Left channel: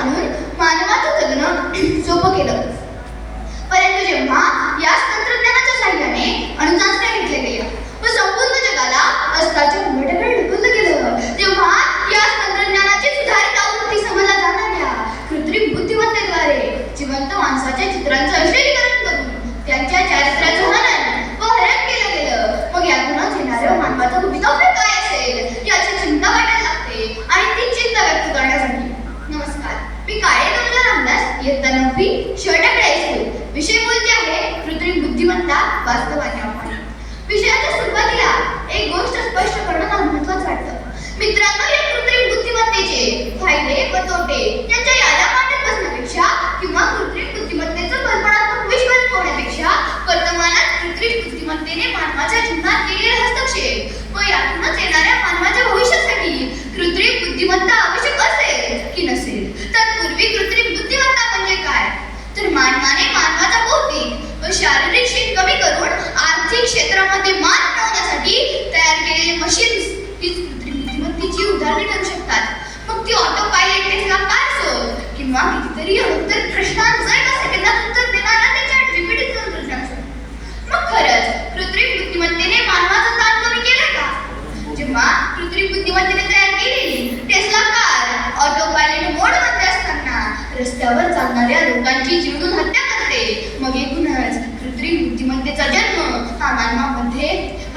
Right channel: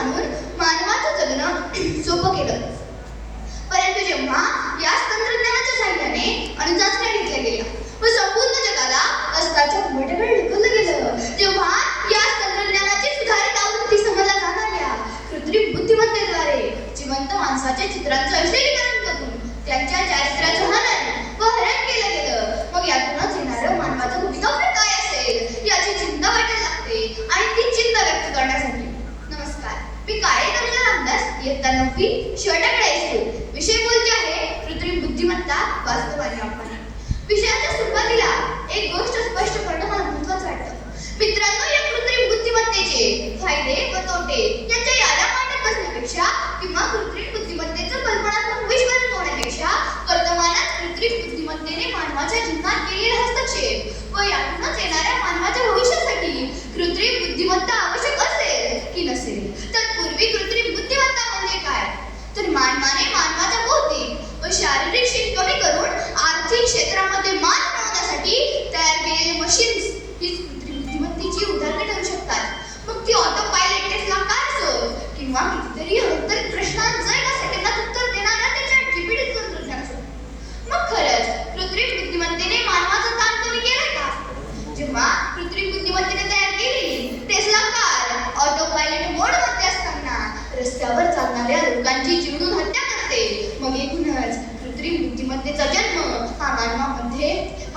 आणून मानवाचं जगणं सोपं केलं. परंतु जेव्हा याच तंत्रज्ञानाच्या साहाय्याने अणुचाचण्या घेतल्या गेल्या व संपूर्ण जगाला अस्ताच्या उंबरठ्याकडे ढकललं गेलं, जेव्हा याच तंत्रज्ञानाची सुधारित आवृत्ती समजल्या जाणाऱ्या कृत्रिम बुद्धिमत्तेद्वारे जिवंत माणसाच्या चित्रांचं अश्लीकरण करून त्यांच्या चारित्र्याचं हनन व हरण केलं गेलं, मग यातूनच येणारं मानवाचं भवितव्य काय असेल याची चिंता वाटायला लागते. आणि ती चिंता व्यक्त करण्यासाठी नमस्कार, मी काळे तनुजा रामदास, इयत्ता 9वी, शर्टाकडे हायस्कूल. विषय बोलते आहे कृत्रिम बुद्धिमत्ता वास्तव आणि आव्हान. विषयाच्या सुरुवातीला एक गोष्ट स्पष्ट करणं मला महत्त्वाचं वाटतं. मित्रांनो, या कृत्रिम बुद्धिमत्तेचे फायदे व तोटे यांच्या याद्या मांडत बसण्यापेक्षा किंवा कृत्रिम बुद्धिमत्तेचं कल्पनात्मक विश्व रंगवण्यापेक्षा वर्तमानात कृत्रिम बुद्धिमत्तेने मानवाच्या जीवनात केलेले हस्तक्षेप व यातूनच येणाऱ्या मानवाच्या भविष्यासाठी कृत्रिम बुद्धिमत्ता आवश्यक असेल की नसेल. तत्पूर्वी कृत्रिम बुद्धिमत्ता म्हणजे काय, तर मानवाने मानवाचा बौद्धिक व शारीरिक शीत कमी करून आर्थिक क्षेत्रामध्ये मान मिळवण्यासाठी तयार केलेले मशीन्स हीच कृत्रिम बुद्धिमत्तेची उदाहरणे ठरू शकतात. मग ती ऑटो पायलट टेस्ला कार असो किंवा कितीतरी अवतर प्रश्नांचं एका सेकंदात उत्तर देणारा ते ChatGPT तंत्रज्ञान असो. मग खरंच कृत्रिम बुद्धिमत्तेने मानवाचा ताण कमी केला का? जेव्हा कृत्रिम बुद्धिमत्तेने तयार केलेली टेस्ला कार ऑटो पायलट मोडमध्ये असताना रस्त्यावर चालणाऱ्या लोकांची जीवनून हत्या करते, मग एकूणच कृत्रिम बुद्धिमत्तेचा जन्म हा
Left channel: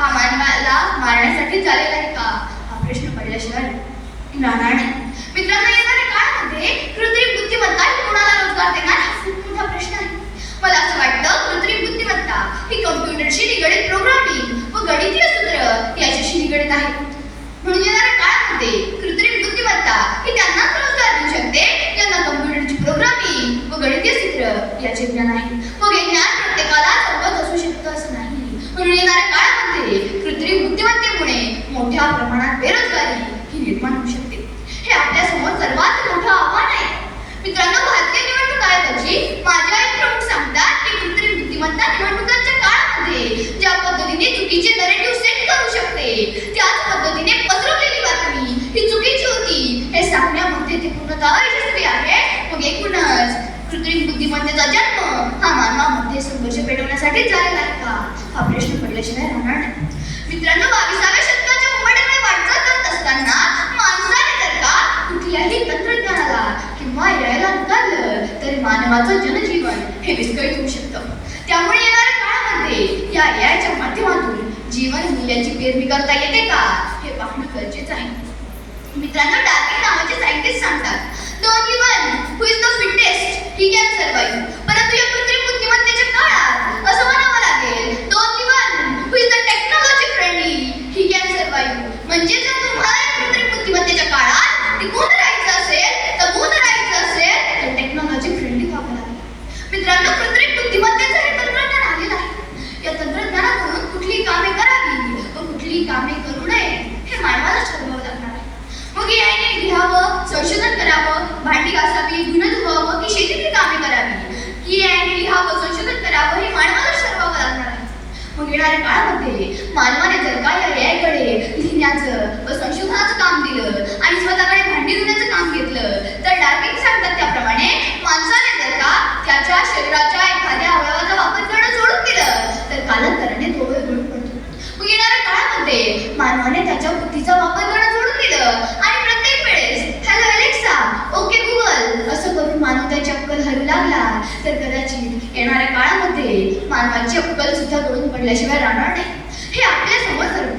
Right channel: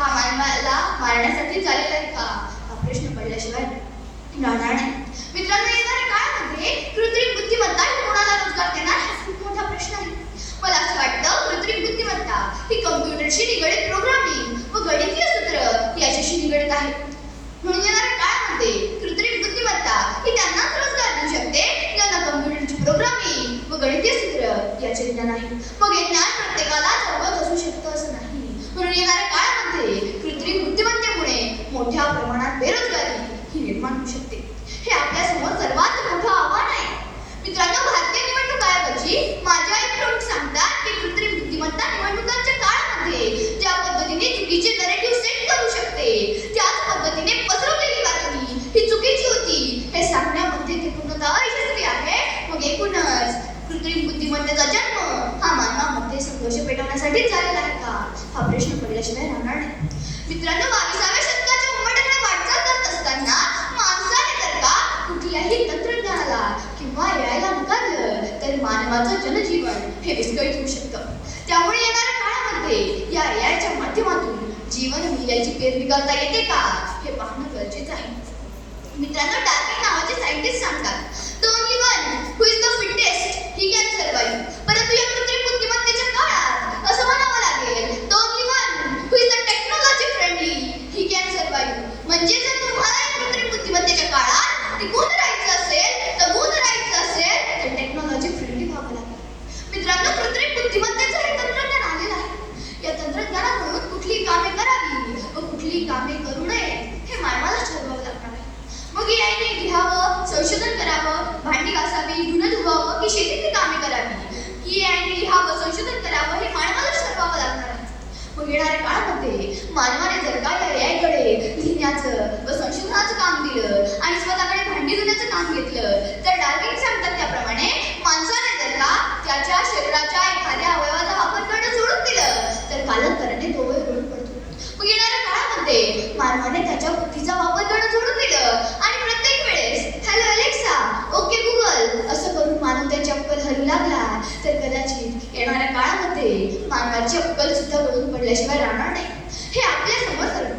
मानवाला मारण्यासाठी झालेला आहे का, हा प्रश्न पडल्याशिवाय राहणार नाही. मित्रांनो, येणाऱ्या काळामध्ये कृत्रिम बुद्धिमत्ता ही कोणाला रोजगार देणार हा खूप मोठा प्रश्न आहे. मला असं वाटतं कृत्रिम बुद्धिमत्ता ही कम्प्युटरशी निगडीत प्रोग्रामिंग व गणितीय सूत्र याच्याशी निगडीत आहे. म्हणून येणाऱ्या काळामध्ये कृत्रिम बुद्धिमत्ता ही त्यांनाच रोजगार देऊ शकते ज्यांना कम्प्युटरची प्रोग्रामिंग व गणितीय सूत्र याचे ज्ञान आहे. मग हे ज्ञान प्रत्येकाला अवगत असू शकतं असं नाही. म्हणून येणाऱ्या काळामध्ये कृत्रिम बुद्धिमत्तेमुळे मोठ्या प्रमाणात बेरोजगारी ही निर्माण होऊ शकते. हे आपल्यासमोर सर्वात मोठं आव्हान आहे. मित्रांनो, भारतीय निवडणूक आयोगाची माझ्या एक प्रमुख सांगतात की कृत्रिम बुद्धिमत्ता निवडणुकांच्या काळामध्ये ज्या पद्धतीने चुकीचे नरेटिव्ह सेट करू शकते, त्याच पद्धतीने पसरवलेली बातमी ही चुकीची होती हे सांगण्यामध्ये ती पूर्णतः यशस्वी आहे. मग एकूणच कृत्रिम बुद्धिमत्तेचा जन्म हा मानवामध्ये संघर्ष पेटवण्यासाठी झालेला आहे का, हा प्रश्न पडल्याशिवाय राहणार नाही. मित्रांनो, 22व्या शतकाच्या उंबरठ्याकडे वाटचाल करत असताना माणसाने जर का कुठल्याही तंत्रज्ञानाला किंवा यायला नकारलं तर मानवाचं जनजीवन हे विस्कळीत होऊ शकतं. त्यामुळे येणाऱ्या काळामध्ये या एआयच्या माध्यमातून जीवन मूल्याची पेरणी करता येते का हे पाहणं गरजेचं आहे. मित्रांनो, डार्विन नावाचे सायंटिस्ट सांगतात, the only one who is the fittest he can survive. परंतु या कृत्रिम बुद्धिमत्तेच्या काळात असं म्हणावं लागेल, the only one who is the technology friendly he can survive. म्हणजे जर तुम्हाला या कृत्रिम बुद्धिमत्तेच्या काळात टिकून राहायचं असेल, दबून राहायचं असेल तर टेक्नॉलॉजी फ्रेंडली व्हावं लागेल. मित्रांनो, कृत्रिम बुद्धिमत्तेचं हे तंत्रज्ञान आलेलं आहे. या तंत्रज्ञानाकडून कुठली कामे करावी व कुठली कामे करू नये हे मानवाला ठरवावं लागणार आहे. मग याने लिहावं, संशोधन करावं, भांडी घासावी, धुणं धुवावं की शेतीतली कामे करावी, की याने लिहावं, संशोधन करावं हे मानवाला ठरवावं लागणार आहे. मग येणाऱ्या काळामध्ये मानवाने जर का या एआयकडे लिहिण्याचं व संशोधनाचं काम दिलं आणि स्वतःकडे भांडी धुण्याचं काम घेतलं तर डार्विन सांगतात त्याप्रमाणे माणसाने जर का त्याच्या शरीराच्या एखाद्या अवयवाचा वापर करणं सोडून दिलं तर कालांतराने तो गळून पडतो. मग येणाऱ्या काळामध्ये मानवाने त्याच्या बुद्धीचा वापर करणं सोडून दिलं आणि प्रत्येक वेळेस हॅलो अलेक्सा, ओके गुगल असं करून मानव त्याची अक्कल हरू लागला तर कदाचित येणाऱ्या काळामध्ये मानवाची अक्कल सुद्धा गळून पडल्याशिवाय राहणार नाही. हे आपल्यासमोर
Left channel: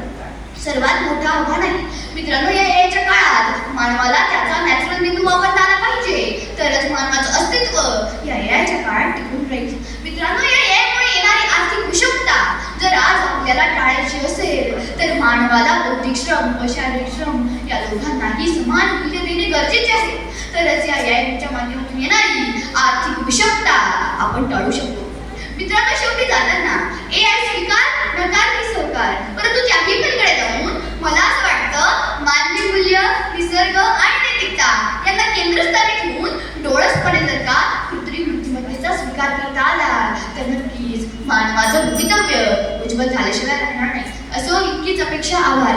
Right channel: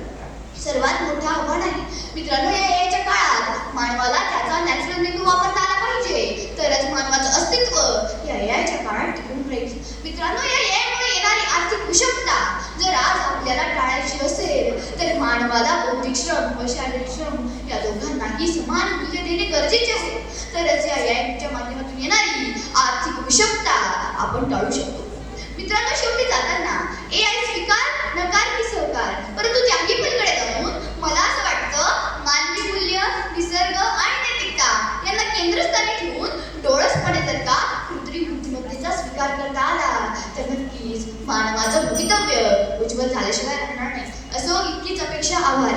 सर्वात मोठं आव्हान आहे. मित्रांनो, या एआयच्या काळात मानवाला त्याचा नॅचरल मेंदू वापरता आला पाहिजे, तरच मानवाचं अस्तित्व या एआयच्या काळात टिकून राहील. मित्रांनो, या एआयमुळे येणारी आर्थिक विषमता जर आज आपल्याला टाळायची असेल तर मानवाला बौद्धिक श्रम व शारीरिक श्रम या दोघांनाही समान मूल्य देणे गरजेचे आहे. तरच या एआयच्या माध्यमातून येणारी आर्थिक विषमता आपण टाळू शकतो. मित्रांनो, शेवटी जाताना एआय स्वीकार नकार की सहकार, परंतु त्याही पलीकडे जाऊन मला असं वाटतं मानवी मूल्य, निसर्ग आणि नैतिकता यांना केंद्रस्थानी ठेवून डोळसपणे जर का कृत्रिम बुद्धिमत्तेचा स्वीकार करता आला तर नक्कीच मानवाचं भवितव्य उज्ज्वल झाल्याशिवाय राहणार नाही. असो इतकीच अपेक्षा, आभार.